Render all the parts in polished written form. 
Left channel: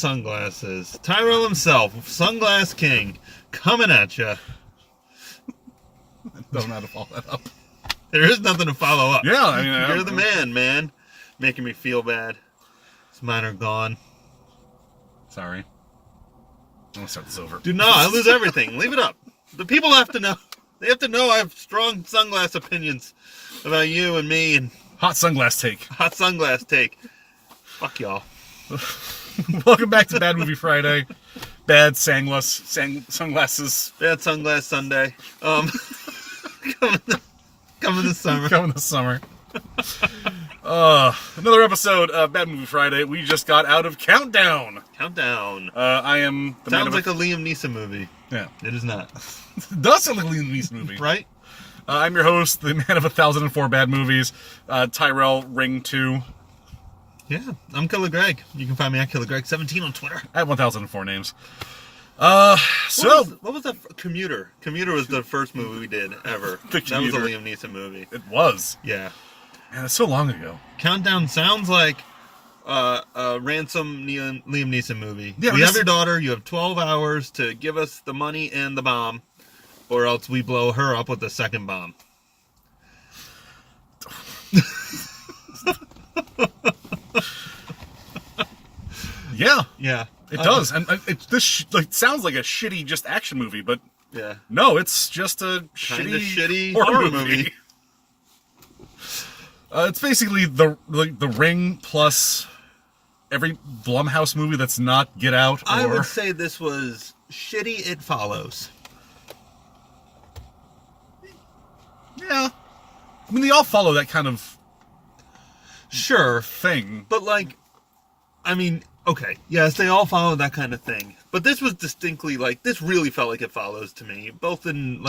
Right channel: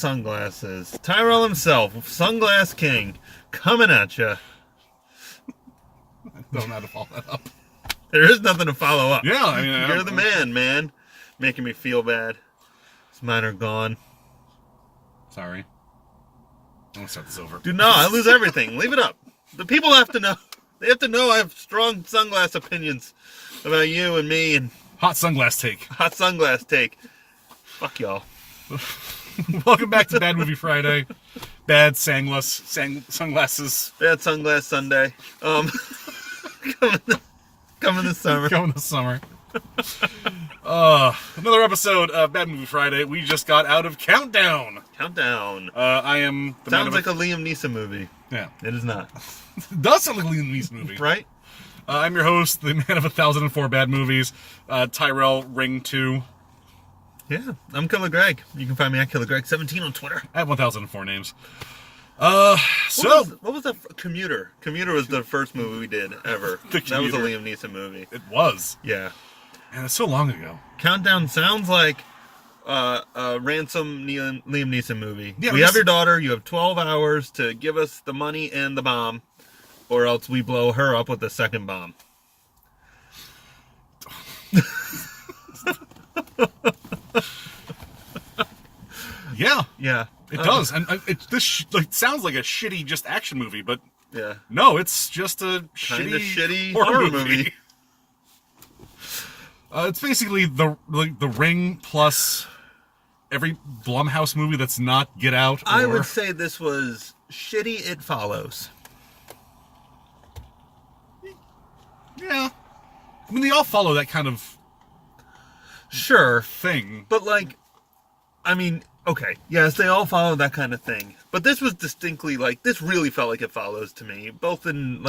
sunglasses. Tyrell himself, Sunglass King, coming at you. Don't know how to follow that up. There is nothing to follow up. Yeah, I mean, You're the man. Making me feel bad. Mine are gone. Sorry. I'm gonna start this over. Dude, no, I lose everything. Leave it up. The people have to know. They have to know I have strong sunglass opinions about you and me and Hot sunglass take. hot sunglass take. Fuck y'all. Welcome back to Bad Movie Friday. Bad sunglasses. Bad Sunglass Sunday. Coming this summer. Coming this summer. Another episode of Bad Movie Friday. We just got out of Countdown. I am the Sounds like a Liam Neeson movie. Yeah. It is not. It does sound like a Liam Neeson movie. Right? I'm your host, the man of 1,004 bad movies, Tyrell Ring 2. Yeah, I'm Killer Greg. You can find me at Killer Greg 17 on Twitter. I have 1,004 names. What was that? Commuter. Commuter was the first movie we did ever. The That was a Commuter. Liam Neeson movie. It was. Yeah. Man, it's so long ago. Countdown sounds like a ransom Liam Neeson movie. Yeah, we have your daughter. You have 12 hours to give us the money and the bomb, or else we blow her up with the second bomb. Yeah. Yeah. It does. And this sounds like a shitty just action movie, but Yeah. no, it's just a Kinda shitty horror horror movie. movie. It's basically the Ring plus every Blumhouse movie that's not Get Out. I would say this was shitty It Follows. Yeah. I mean, they all follow that kind of Sure. thing. But, okay, yes, they all follow that kind of thing. But this was distinctly, this really felt like It Follows to me. Both in,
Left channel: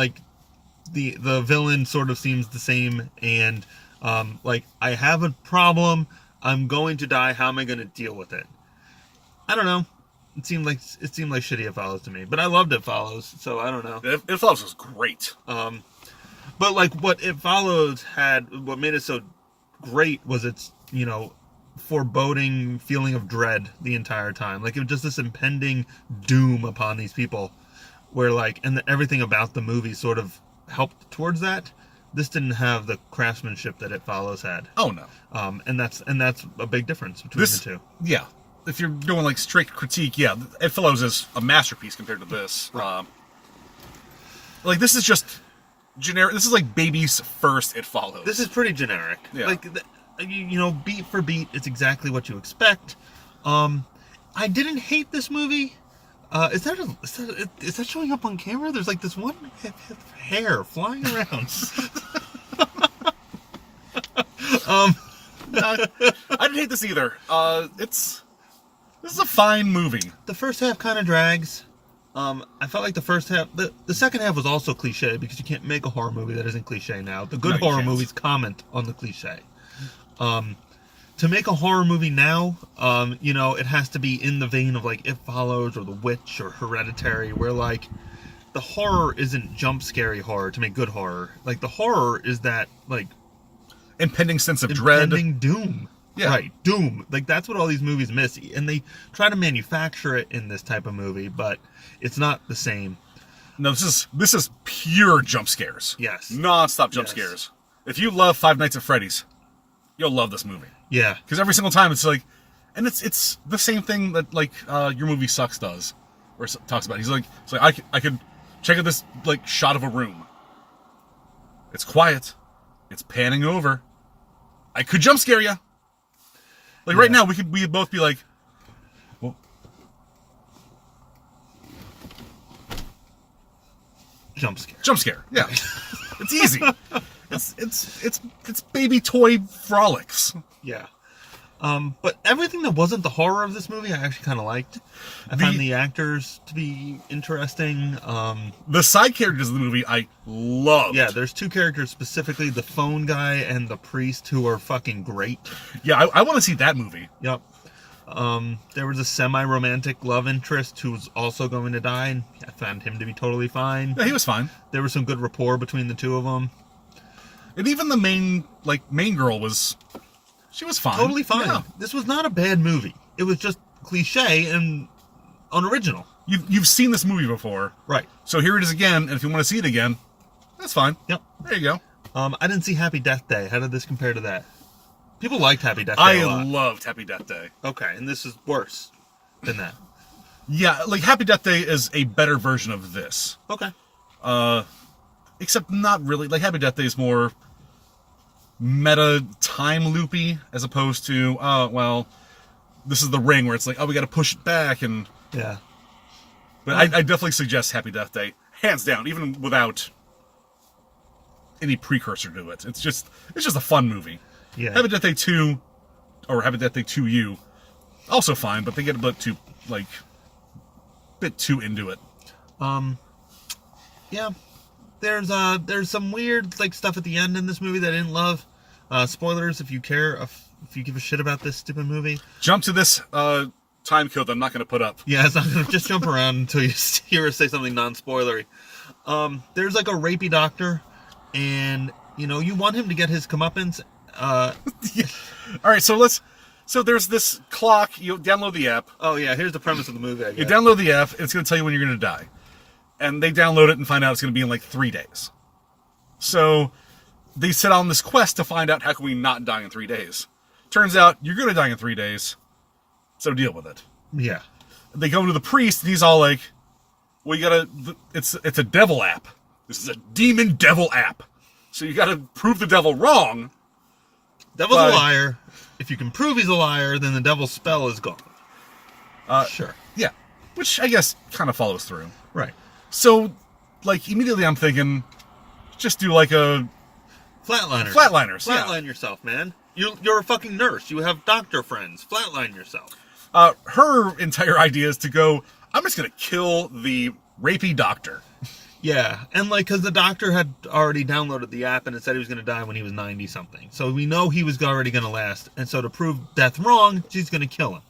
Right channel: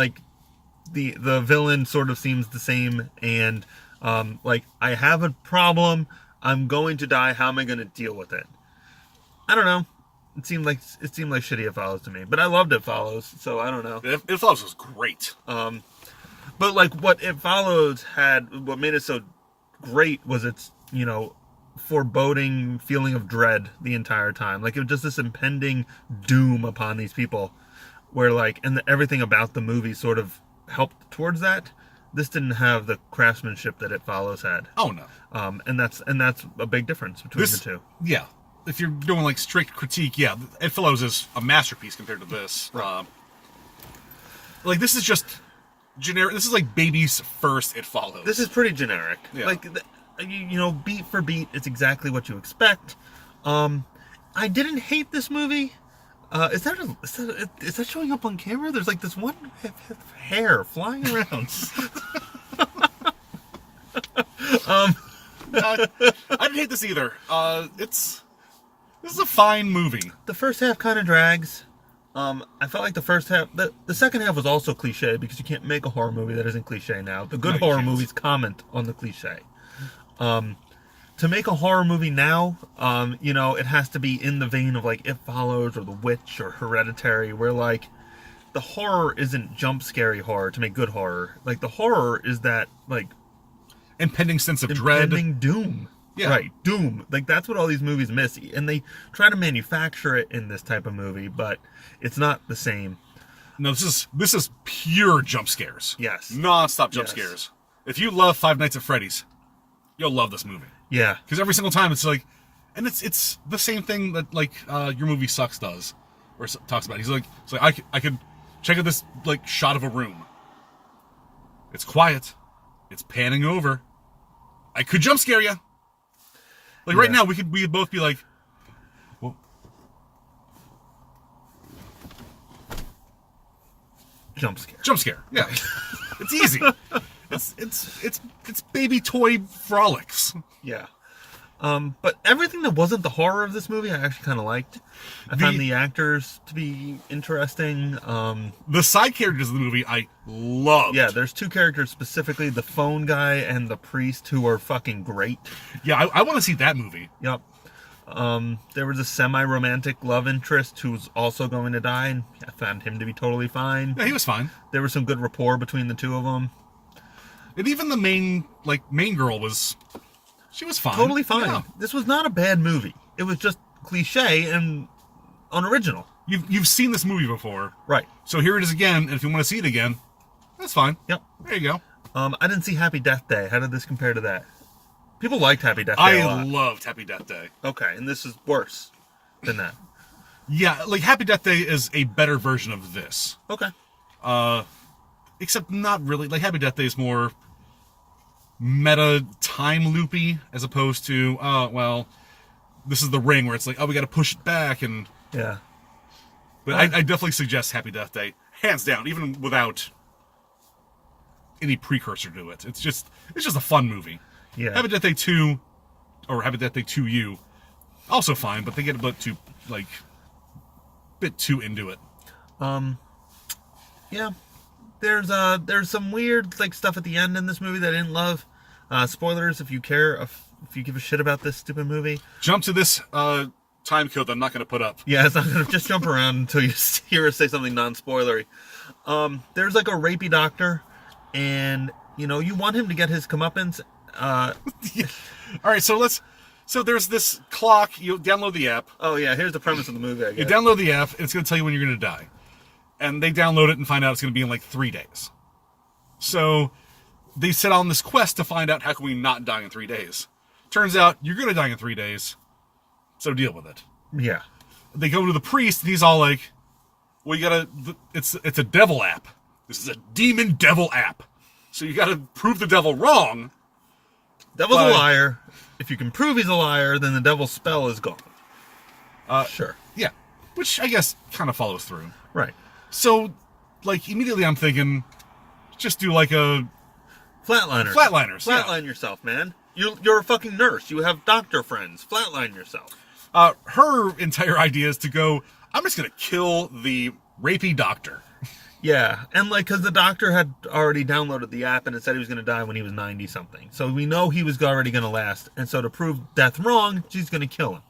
the villain sort of seems the same, and, I have a problem, I'm going to die, how am I going to deal with it? I don't know. It seemed like shitty It Follows to me. But I loved It Follows, so I don't know. It Follows was great. But, what It Follows had, what made it so great was its, foreboding feeling of dread the entire time. It was just this impending doom upon these people where, everything about the movie sort of helped towards that. This didn't have the craftsmanship that It Follows had. Oh, no. And that's a big difference between the two. Yeah. If you're doing, strict critique, yeah, It Follows is a masterpiece compared to this. Right. This is just generic. This is like baby's first It Follows. This is pretty generic. Yeah. Beat for beat, it's exactly what you expect. I didn't hate this movie. Is that showing up on camera? There's this one hair flying around. I didn't hate this either. This is a fine movie. The first half kind of drags. I felt like the first half, the second half was also cliche because you can't make a horror movie that isn't cliche now. The good horror movies comment on the cliche. To make a horror movie now, it has to be in the vein of It Follows or The Witch or Hereditary, where the horror isn't jump scary horror to make good horror. The horror is that Impending sense of dread. impending doom. Yeah. Right, doom. That's what all these movies miss, and they try to manufacture it in this type of movie, but it's not the same. No, this is pure jump scares. Yes. Non-stop jump Yes. scares. If you love Five Nights at Freddy's, you'll love this movie. Yeah. Because every single time it's and it's the same thing that Your Movie Sucks does, or talks about. He's I could check out this shot of a room. It's quiet. It's panning over. I could jump scare you. Right now we'd both be well, Jump scare. jump scare. Yeah. It's easy. It's baby toy frolics. Yeah. But everything that wasn't the horror of this movie, I actually kind of liked. I found the actors to be interesting. The side characters of the movie I loved. Yeah, there's two characters specifically, the phone guy and the priest, who are fucking great. Yeah, I want to see that movie. Yep. There was a semi-romantic love interest who was also going to die, and I found him to be totally fine. Yeah, he was fine. There was some good rapport between the two of them. And even the main girl she was fine. Totally fine. Yeah. This was not a bad movie. It was just cliche and unoriginal. You've seen this movie before, Right. so here it is again. And if you want to see it again, that's fine. Yep. There you go. I didn't see Happy Death Day. How did this compare to that? People liked Happy Death Day a I lot. loved Happy Death Day. Okay, and this is worse than that. Yeah, like Happy Death Day is a better version of this. Okay. Except not really. Like Happy Death Day is more meta time loopy as opposed to, well, this is the Ring where it's like, oh, we got to push it back. And Yeah. but I definitely suggest Happy Death Day, hands down, even without any precursor to it. It's just a fun movie. Yeah. Happy Death Day 2 or Happy Death Day 2U, also fine, but they get a bit too into it. Yeah. There's some weird like stuff at the end in this movie that I didn't love. Spoilers if you care, if you give a shit about this stupid movie. Jump to this time code that I'm not going to put up. Yeah, it's not gonna just jump around until you hear us say something non-spoilery. There's like a rapey doctor, and you want him to get his comeuppance. Yeah. All right, so there's this clock. You download the app. Oh yeah, here's the premise of the movie. I You guess. download the app, and it's going to tell you when you're going to die. And they download it and find out it's going to be in like 3 days. So they set on this quest to find out how can we not die in 3 days. Turns out you're going to die in 3 days, so deal with it. Yeah. They go to the priest, and he's all like, well, you got to, it's a devil app. This is a demon devil app. So you got to prove the devil wrong. Devil's a liar. If you can prove he's a liar, then the devil's spell is gone. Sure. Yeah, which I guess kind of follows through. Right. So, like, immediately I'm thinking, just do like a Flatliners. Flatliners, yeah. Flatline yourself, man. You're a fucking nurse. You have doctor friends. Flatline yourself. her entire idea is to go, I'm just going to kill the rapey doctor. Yeah, and because the doctor had already downloaded the app and it said he was going to die when he was 90 something, so we know he was already going to last. And so to prove death wrong, she's going to kill him.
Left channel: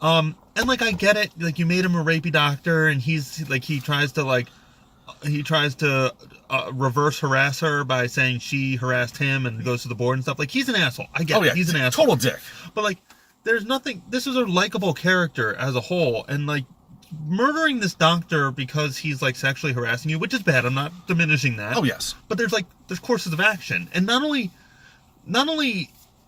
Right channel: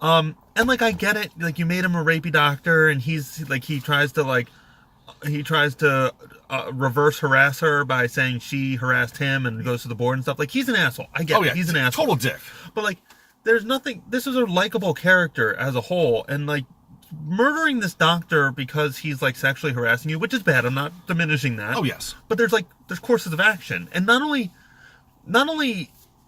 And I get it. You made him a rapey doctor, and he's he tries to reverse harass her by saying she harassed him and goes to the board and stuff. He's an asshole. I get it. He's an asshole. Total dick. But there's nothing. This is a likable character as a whole, and murdering this doctor because he's sexually harassing you, which is bad. I'm not diminishing that. Oh yes. But there's courses of action, and not only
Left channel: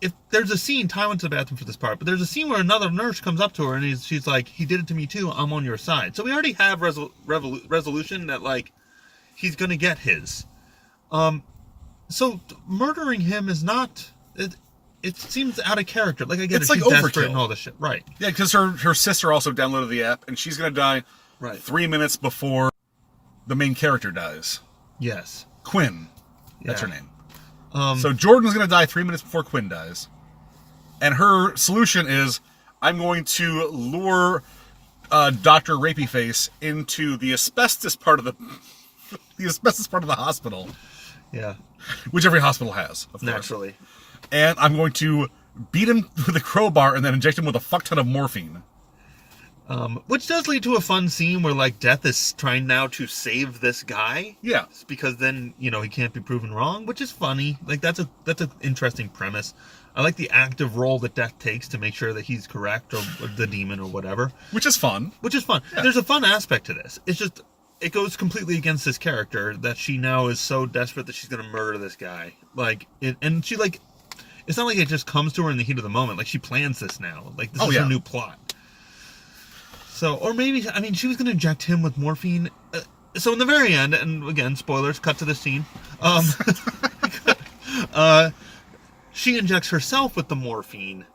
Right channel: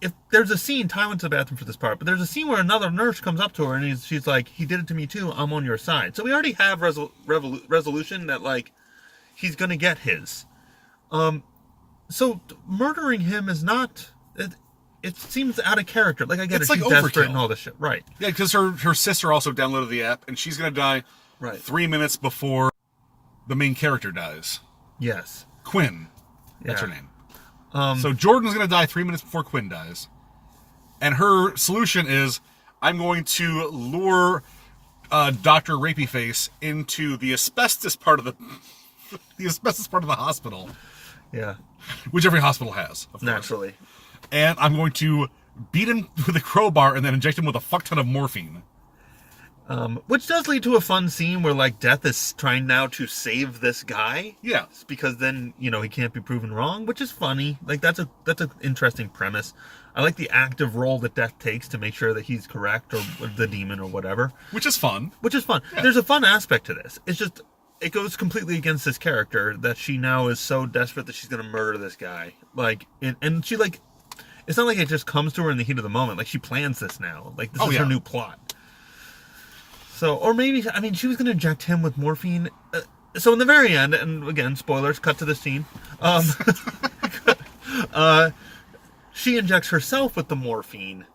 if there's a scene, Ty went to the bathroom for this part, but there's a scene where another nurse comes up to her and she's like, he did it to me too, I'm on your side. So we already have resolution that he's gonna get his. So murdering him is not. It seems out of character. I get it's it. She's overkill. desperate and all this shit. Right. Yeah, because her sister also downloaded the app, and she's gonna die 3 minutes before the main character dies. Yes. Quinn. That's Yeah. her name. So Jordan's gonna die 3 minutes before Quinn dies. And her solution is, I'm going to lure Dr. Rapey Face into the asbestos part of the hospital. Yeah. Which every hospital has, of course. Naturally. And I'm going to beat him with a crowbar and then inject him with a fuck ton of morphine. Which does lead to a fun scene where Death is trying now to save this guy. Yeah. Because then, he can't be proven wrong, which is funny. That's an interesting premise. I like the active role that Death takes to make sure that he's correct, or the demon, or whatever. Which is fun. Yeah. There's a fun aspect to this. It's just, it goes completely against this character that she now is so desperate that she's going to murder this guy. And she it's not it just comes to her in the heat of the moment. She plans this now. This is her new plot. So, or maybe, she was going to inject him with morphine. So in the very end, and again, spoilers, cut to the scene. She injects herself with the morphine,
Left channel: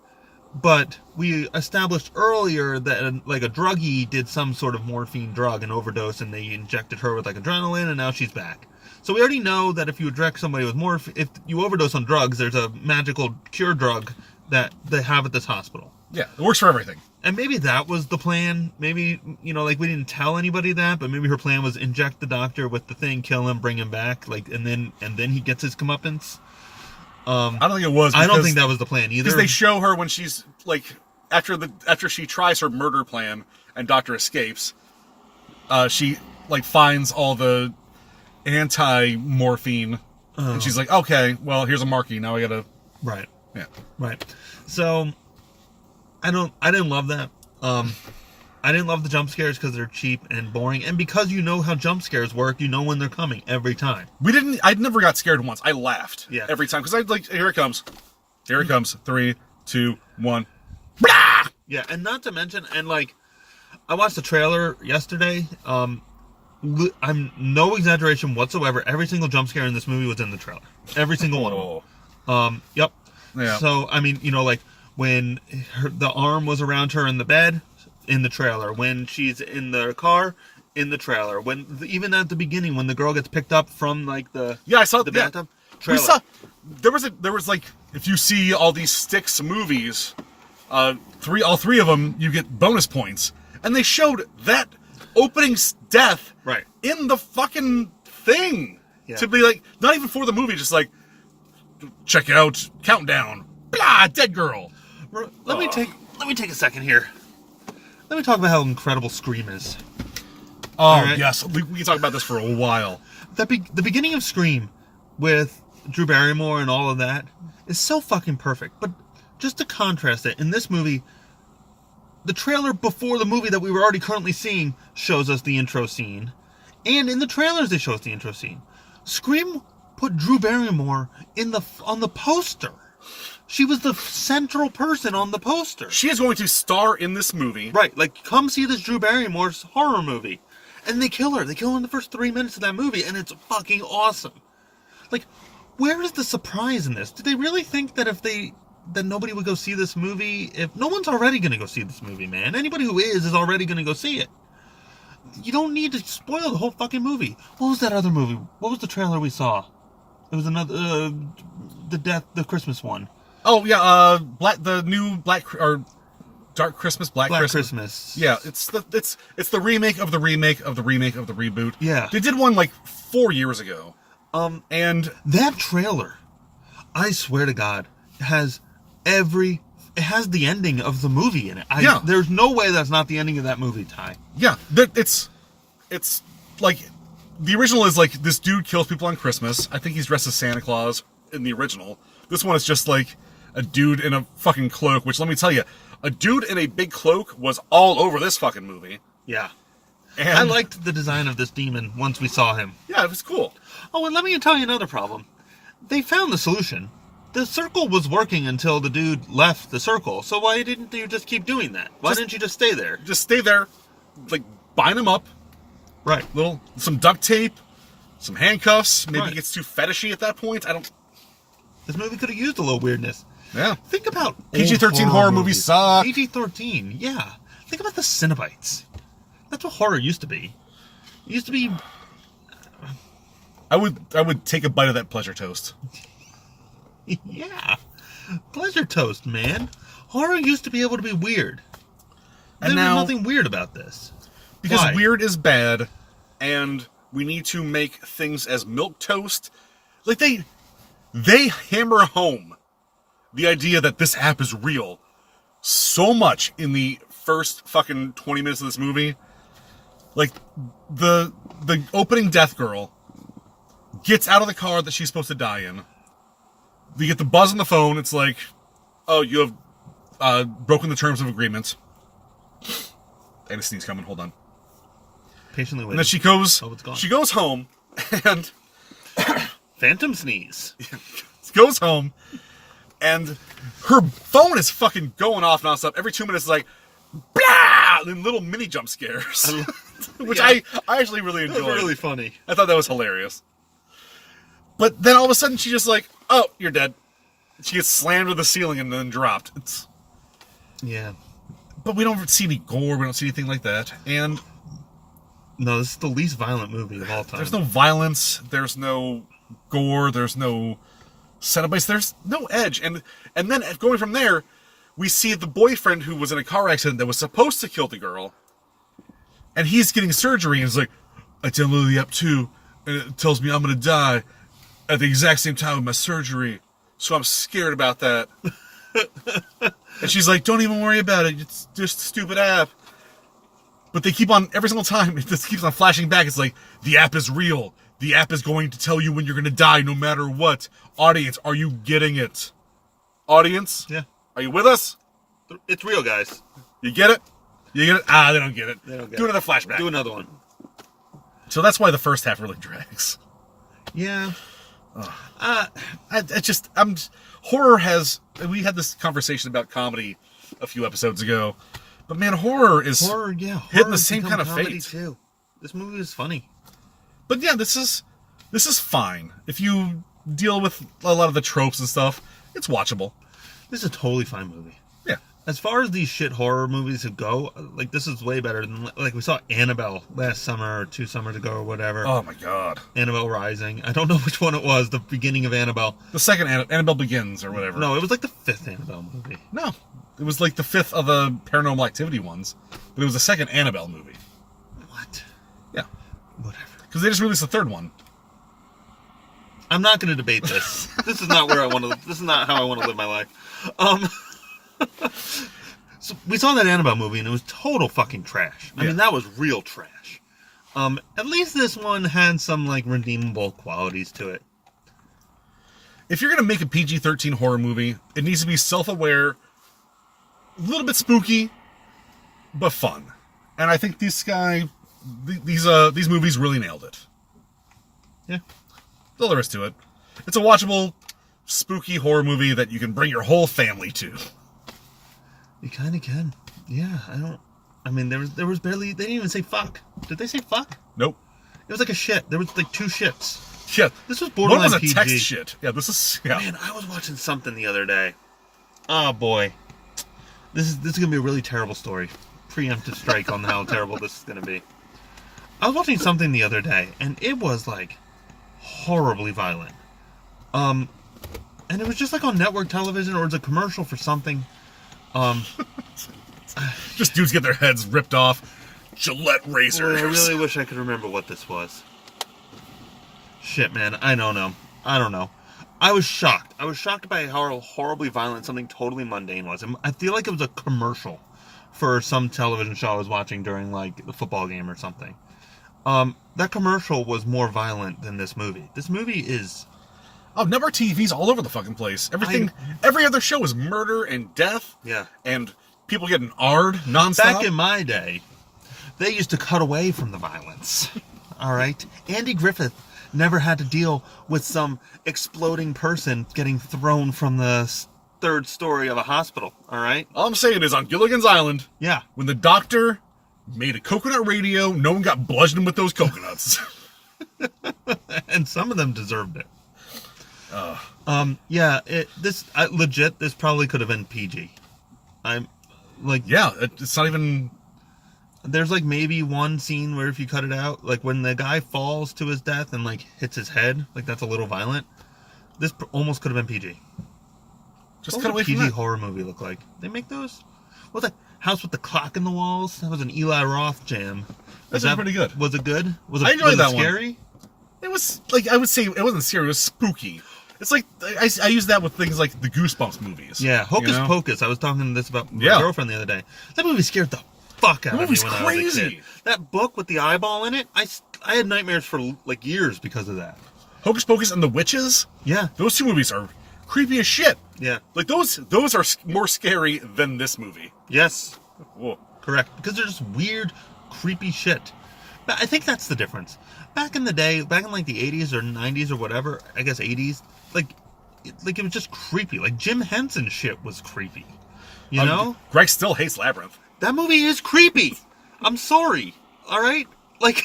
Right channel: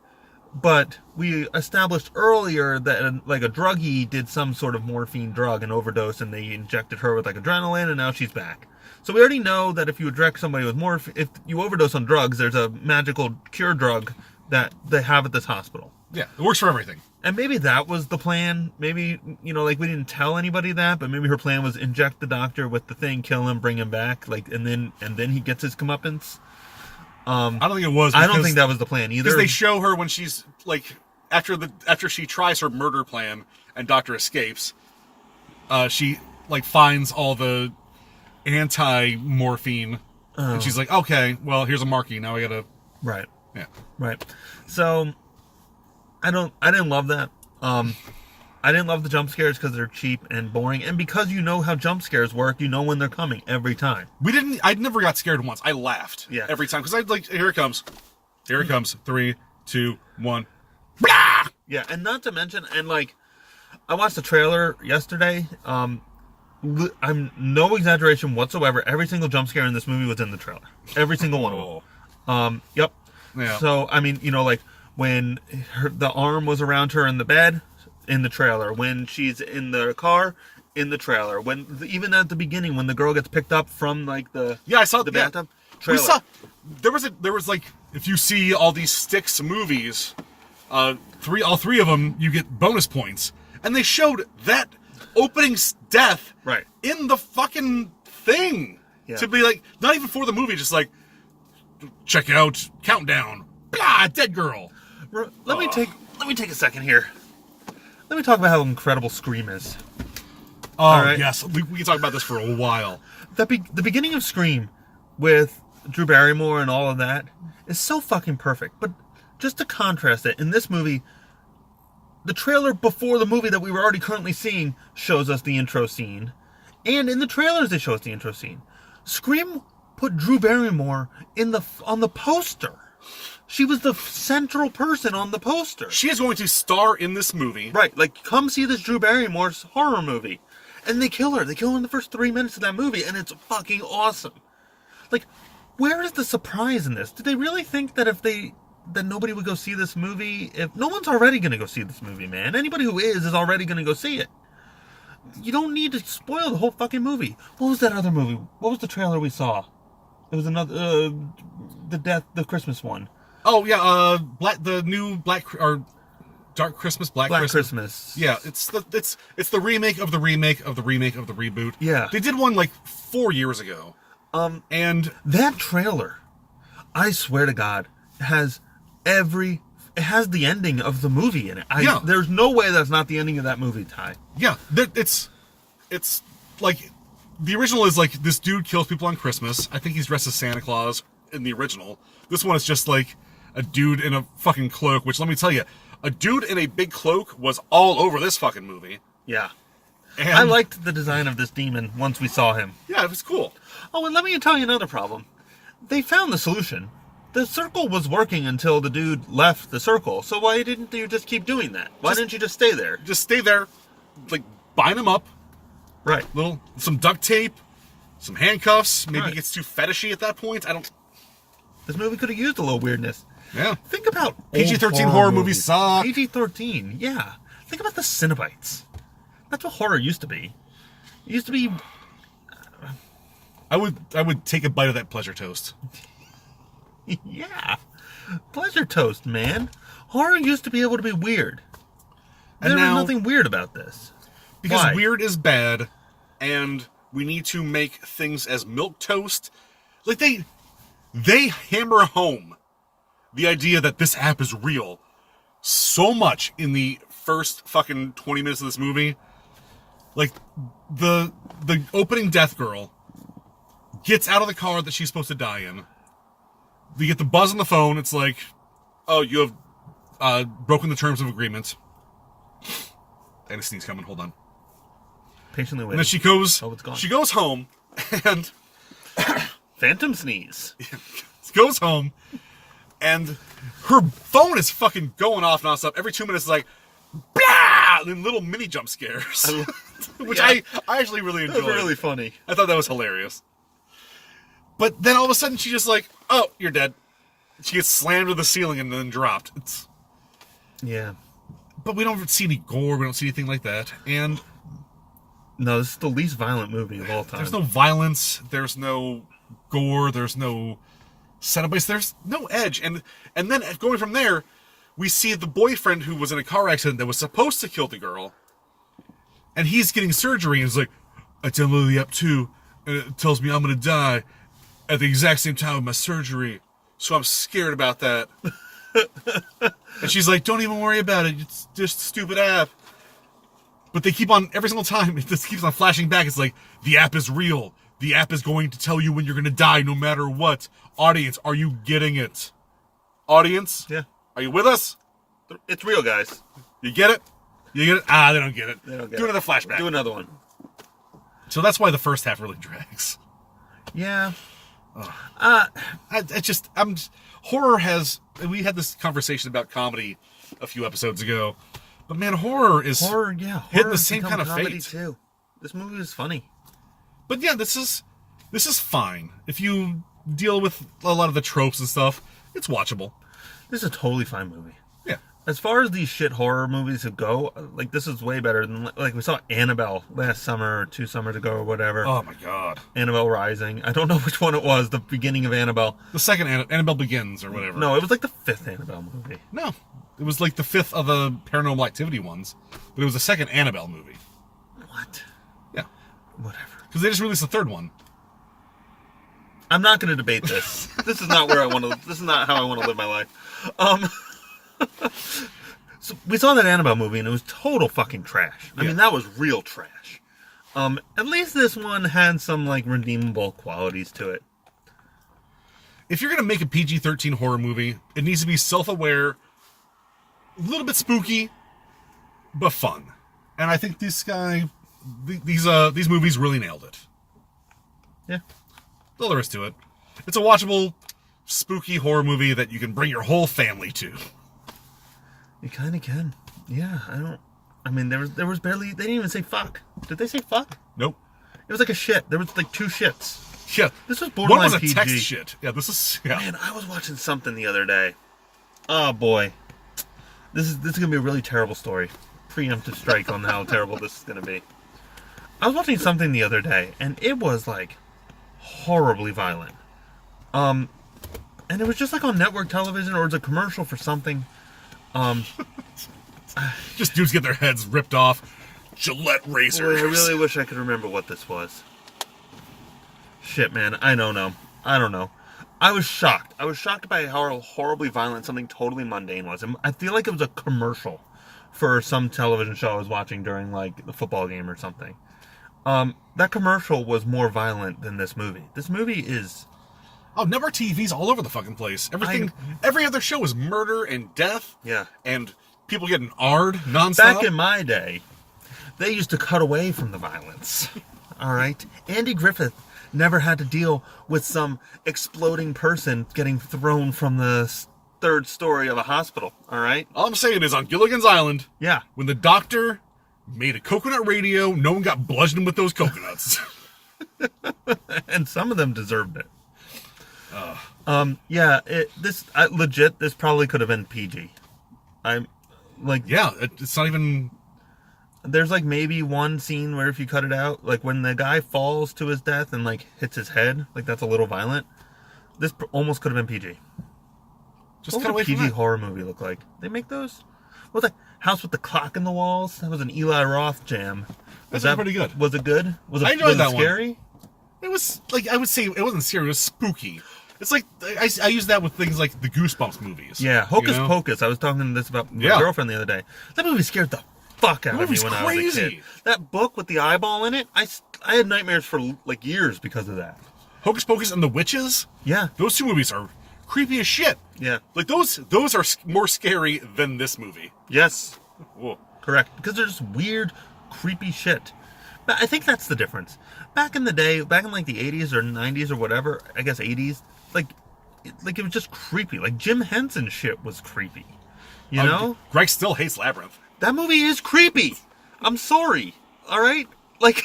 but we established earlier that a druggie did some sort of morphine drug, an overdose, and they injected her with adrenaline, and now she's back. So we already know that if you inject somebody with morphine, if you overdose on drugs, there's a magical cure drug that they have at this hospital. Yeah, it works for everything. And maybe that was the plan. Maybe, we didn't tell anybody that, but maybe her plan was inject the doctor with the thing, kill him, bring him back, and then he gets his comeuppance. I don't think it was. I don't think that was the plan either. Because they show her when she's after she tries her murder plan and Doctor escapes, she finds all the anti-morphine, and she's like, okay, well, here's a marquee. Now I gotta. Right. Yeah. Right. So I didn't love that. I didn't love the jump scares because they're cheap and boring, and because you know how jump scares work, you know when they're coming every time. I never got scared once. I laughed every time because I like, here it comes. Here it comes. 3, 2, 1. Blah! Yeah, and not to mention, and like, I watched the trailer yesterday. I'm no exaggeration whatsoever. Every single jump scare in this movie was in the trailer. Every single one of them. Yep. Yeah. So I mean, like when the arm was around her in the bed, in the trailer. When she's in the car, in the trailer. Even at the beginning, when the girl gets picked up from like the I saw the bathtub. Trailer. There was like, if you see all these Styx movies, all three of them, you get bonus points, and they showed that opening death in the fucking thing to be like, not even for the movie, just like, check out countdown, blah, dead girl. Let me take a second here. Let me talk about how incredible Scream is. Yes, we can talk about this for a while. The beginning of Scream with Drew Barrymore and all of that is so fucking perfect. But just to contrast it, in this movie, the trailer before the movie that we were already currently seeing shows us the intro scene. And in the trailers, they show us the intro scene. Scream put Drew Barrymore on the poster. She was the central person on the poster. She is going to star in this movie. Right, like, come see this Drew Barrymore's horror movie. And they kill her. They kill her in the first 3 minutes of that movie, and it's fucking awesome. Like, where is the surprise in this? Did they really think that that nobody would go see this movie? If no one's already going to go see this movie, man. Anybody who is already going to go see it. You don't need to spoil the whole fucking movie. What was that other movie? What was the trailer we saw? It was another, the Christmas one. Oh yeah, the new Dark Christmas, Black Christmas. Yeah, it's the remake of the remake of the remake of the reboot. Yeah, they did one like 4 years ago. And that trailer, I swear to God, has the ending of the movie in it. There's no way that's not the ending of that movie, Ty. Yeah, it's like the original is like this dude kills people on Christmas. I think he's dressed as Santa Claus in the original. This one is just like a dude in a fucking cloak, which let me tell you, a dude in a big cloak was all over this fucking movie. Yeah. And I liked the design of this demon once we saw him. Yeah, it was cool. Oh, and let me tell you another problem. They found the solution. The circle was working until the dude left the circle, so why didn't you just keep doing that? Why didn't you just stay there? Just stay there, like, bind him up. Right. Some duct tape, some handcuffs. Maybe it gets too fetishy at that point. This movie could have used a little weirdness. Yeah. Think about PG-13 horror movies suck. PG-13, yeah. Think about the Cenobites. That's what horror used to be. It used to be... I would take a bite of that pleasure toast. Yeah. Pleasure toast, man. Horror used to be able to be weird. And there's nothing weird about this. Because weird is bad, and we need to make things as milquetoast. Like, they hammer home the idea that this app is real so much in the first fucking 20 minutes of this movie. Like, the opening death girl gets out of the car that she's supposed to die in. You get the buzz on the phone. It's like, oh, you have broken the terms of agreement. And a sneeze coming. Hold on. Patiently waiting. And then she goes. Oh, it's gone. She goes home and phantom sneeze. Goes home and her phone is fucking going off nonstop. Every 2 minutes, it's like, blah, and then little mini jump scares, which I actually really enjoyed. That was really funny. I thought that was hilarious. But then all of a sudden, she's just like, "Oh, you're dead." She gets slammed to the ceiling and then dropped. Yeah. But we don't see any gore. We don't see anything like that. And no, this is the least violent movie of all time. There's no violence. There's no gore. There's no Cenobites. There's no edge. And then going from there, we see the boyfriend who was in a car accident that was supposed to kill the girl. And he's getting surgery and is like, I downloaded the app too, and it tells me I'm going to die at the exact same time with my surgery. So I'm scared about that. And she's like, don't even worry about it. It's just a stupid app. But they keep on, every single time, it just keeps on flashing back. It's like, the app is real. The app is going to tell you when you're going to die no matter what. Audience, are you getting it? Audience? Yeah. Are you with us? It's real, guys. You get it? You get it? Ah, they don't get it. They don't get Do it. another flashback. Do another one. So that's why the first half really drags. Yeah. Horror has. We had this conversation about comedy a few episodes ago, but man, horror is hitting the same kind of fate too. This movie is funny. But yeah, this is fine if you deal with a lot of the tropes and stuff. It's watchable. This is a totally fine movie. Yeah. As far as these shit horror movies go, like, this is way better than, like, we saw Annabelle last summer or 2 summers ago or whatever. Oh my god. Annabelle Rising. I don't know which one it was, the beginning of Annabelle. The second Annabelle Begins or whatever. No, it was like the 5th Annabelle movie. No. It was like the 5th of the Paranormal Activity ones, but it was the second Annabelle movie. What? Yeah. Whatever. Because they just released the third one. I'm not going to debate this. This is not where I want to. This is not how I want to live my life. So we saw that Annabelle movie and it was total fucking trash. I mean, that was real trash. At least this one had some like redeemable qualities to it. If you're gonna make a PG-13 horror movie, it needs to be self-aware, a little bit spooky, but fun. And I think these movies really nailed it. Yeah. That's all there is to it. It's a watchable, spooky horror movie that you can bring your whole family to. You kind of can. Yeah, I mean, there was barely. They didn't even say fuck. Did they say fuck? Nope. It was like a shit. There was like 2 shits. Yeah. This was borderline One was a PG. text shit. Yeah, this is. Yeah. Man, I was watching something the other day. Oh boy, this is gonna be a really terrible story. Preemptive strike on how terrible this is gonna be. I was watching something the other day, and it was like horribly violent. And it was just like on network television, or it was a commercial for something. Just dudes get their heads ripped off. Gillette razors. Boy, I really wish I could remember what this was. Shit, man, I don't know. I was shocked. I was shocked by how horribly violent something totally mundane was. I feel like it was a commercial for some television show I was watching during, like, the football game or something. That commercial was more violent than this movie. This movie is... Oh, network TV's all over the fucking place. Every other show is murder and death. Yeah. And people getting R'd nonstop. Back in my day, they used to cut away from the violence. All right? Andy Griffith never had to deal with some exploding person getting thrown from the 3rd story of a hospital. All right? All I'm saying is on Gilligan's Island, Yeah. when the doctor made a coconut radio, no one got bludgeoned with those coconuts. And some of them deserved it. Yeah, legit, this probably could have been PG. I'm like, yeah, it's not even. There's like maybe one scene where if you cut it out, like when the guy falls to his death and like hits his head, like that's a little violent. This almost could have been PG. Just What cut would away a from PG that. horror movie look like? They make those? What was that House with the Clock in the Walls? That was an Eli Roth jam. That's pretty good. Was it good? Was it, I enjoyed that one. Scary? It was like, I would say it wasn't scary. It was spooky. It's like I use that with things like the Goosebumps movies. Yeah, Hocus you know? Pocus. I was talking this about my girlfriend the other day. That movie scared the fuck out of me when I was a kid. That book with the eyeball in it, I had nightmares for like years because of that. Hocus Pocus and the Witches. Yeah, Those 2 movies are creepy as shit. yeah, Like those are more scary than this movie. yes, Whoa. correct. Because they're just weird, creepy shit. But I think that's the difference. Back in the day, back in like the 80s or 90s or whatever, I guess 80s, like it was just creepy. Like Jim Henson shit was creepy. You know? Greg still hates Labyrinth. That movie is creepy. I'm sorry. All right? Like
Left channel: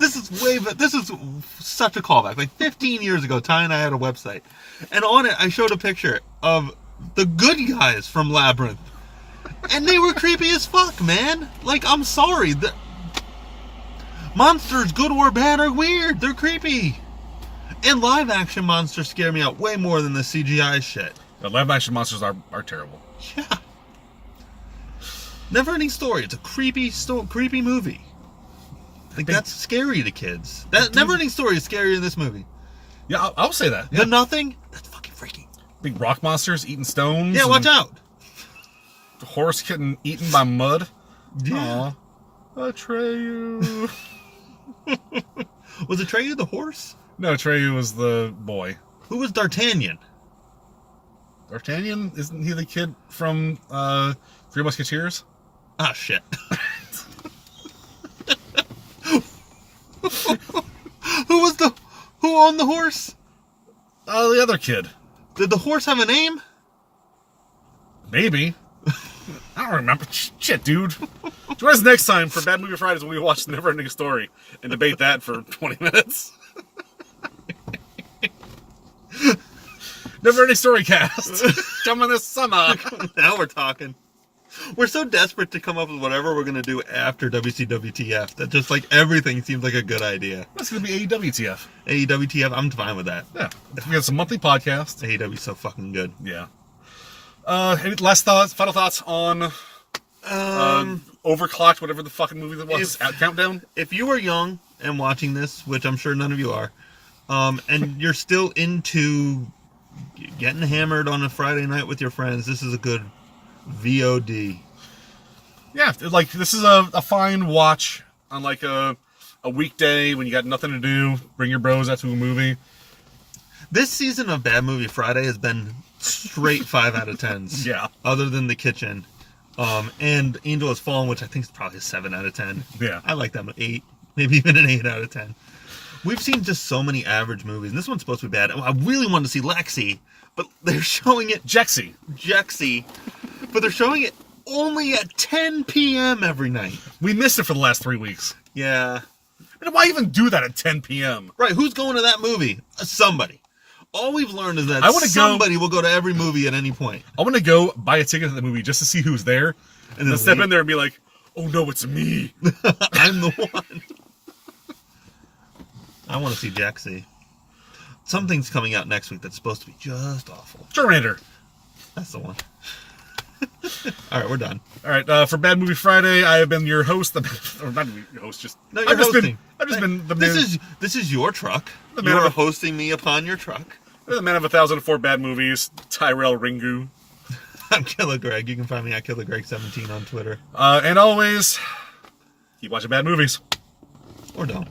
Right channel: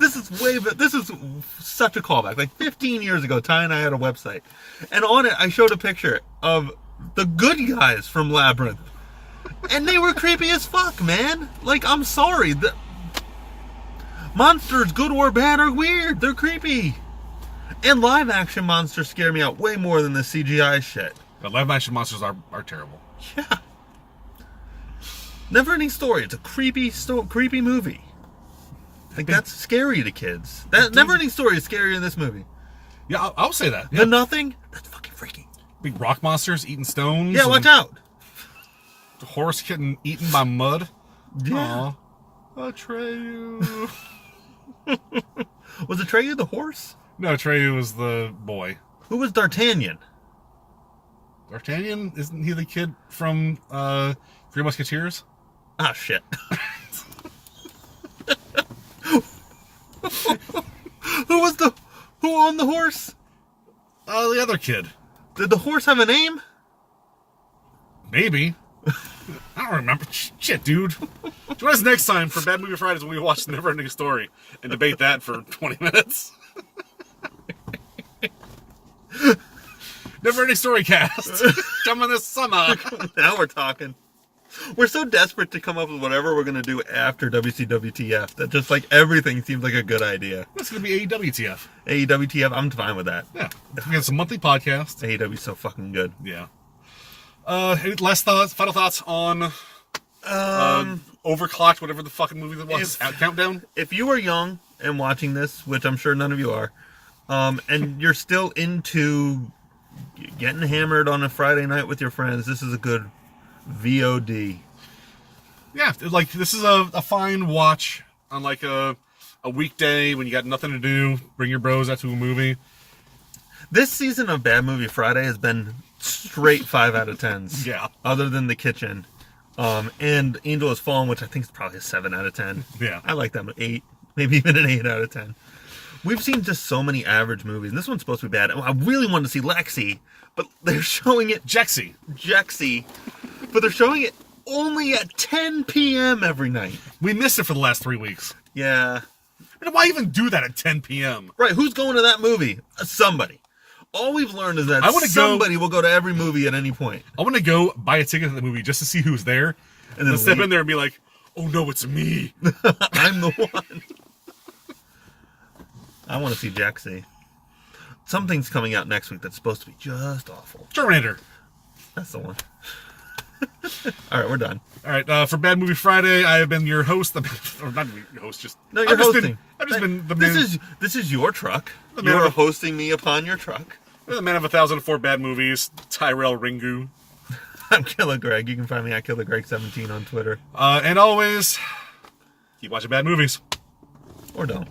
this is such a callback. Like 15 years ago, Ty and I had a website. And on it I showed a picture of the good guys from Labyrinth. And they were creepy as fuck, man. Like, I'm sorry. The monsters, good or bad, are weird. They're creepy. And live action monsters scare me out way more than the CGI shit. The live action monsters are terrible. Yeah. Never Ending Story. It's a creepy movie. Like, that's scary to kids. That Never Ending Story is scarier than this movie. Yeah, I'll say that. Yeah. The Nothing? That's fucking freaky. Big rock monsters eating stones. Yeah, watch out. The horse getting eaten by mud. Yeah. Aw. Atreyu. Was Atreyu the horse? No, Atreyu was the boy. Who was D'Artagnan? D'Artagnan? Isn't he the kid from Three Musketeers? Ah, shit. Who owned the horse? The other kid. Did the horse have a name? Maybe. I don't remember. Shit, dude. Join us next time for Bad Movie Fridays when we watch Never Ending Story and debate that for 20 minutes. Never Ending Story cast. Coming this summer. Now we're talking. We're so desperate to come up with whatever we're going to do after WCWTF that just like everything seems like a good idea. That's going to be AEWTF. AEWTF, I'm fine with that. Yeah. We got some monthly podcast. AEW's so fucking good. Yeah. Any last thoughts, final thoughts on Overclocked, whatever the fucking movie that was, at Countdown? If you are young and watching this, which I'm sure none of you are, and you're still into getting hammered on a Friday night with your friends, this is a good VOD. Yeah, like this is a fine watch on like a weekday when you got nothing to do. Bring your bros out to a movie. This season of Bad Movie Friday has been straight 5 out of 10s. Yeah. Other than The Kitchen. And Angel Has Fallen, which I think is probably a 7 out of 10. Yeah. I like that, 8. Maybe even an 8 out of 10. We've seen just so many average movies, and this one's supposed to be bad. I really wanted to see Lexi, but they're showing it... Jexy. But they're showing it only at 10 p.m. every night. We missed it for the last 3 weeks. Yeah. But why even do that at 10 p.m.? Right, who's going to that movie? Somebody. All we've learned is that somebody will go to every movie at any point. I want to go buy a ticket to the movie just to see who's there, and then step in there and be like, oh no, it's me. I'm the one. I want to see Jaxie. Something's coming out next week that's supposed to be just awful. Terminator. That's the one. All right, we're done. All right, for Bad Movie Friday, I have been your host. Or not your host, just... No, you're hosting. I've just been the man... This is your truck. You're hosting me upon your truck. The man of 1,004 bad movies, Tyrell Ringu. I'm Killer Greg. You can find me at KillerGreg17 on Twitter. And always, keep watching bad movies. Or don't.